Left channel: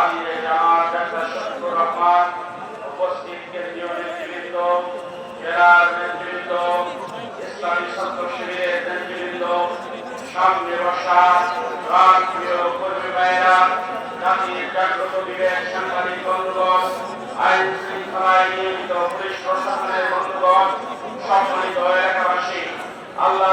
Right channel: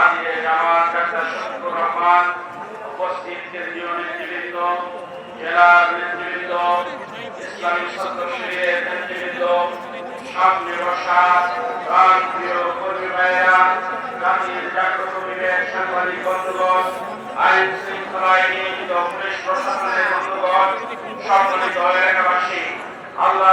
আমিরে জামাত ডাক্তার শফিকুর রহমান, উপস্থিত কেন্দ্রীয় নেতৃবৃন্দ জেলার নেতৃবৃন্দ, ইসলামী ছাত্র শিবিরের নেতৃবৃন্দ, সামনে বসা তার প্রিয় কর্মী ভাইয়েরা জাতির জাগ্রত বিবেক সাংবাদিক বন্ধুগণ, আইন শৃঙ্খলায় নিয়োজিত আল্লাহ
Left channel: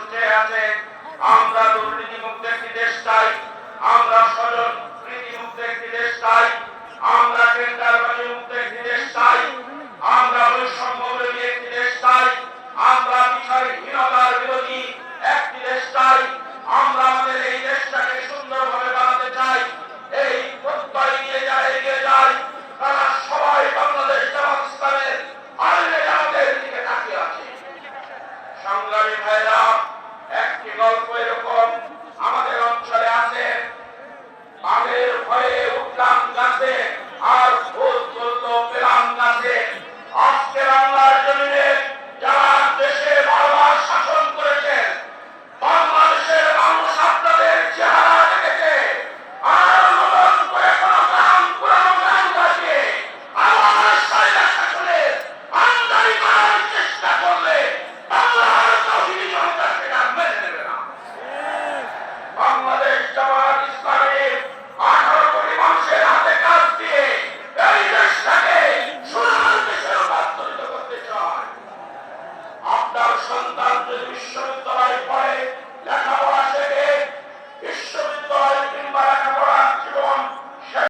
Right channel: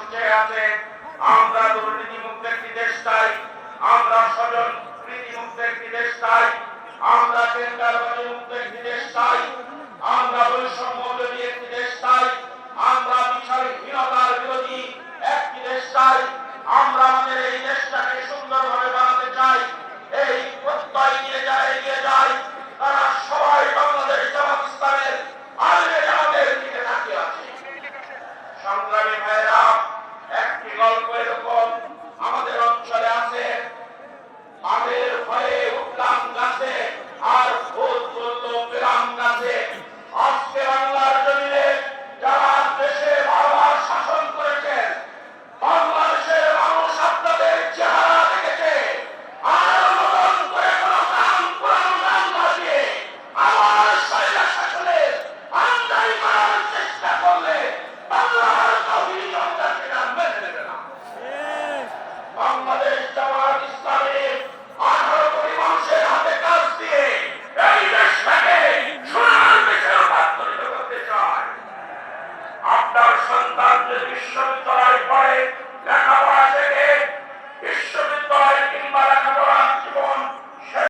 রাষ্ট্রে আছে আমরা দুর্নীতি মুক্ত একটি দেশ চাই। সংগ্রামী ভাইরা একটি গল্পের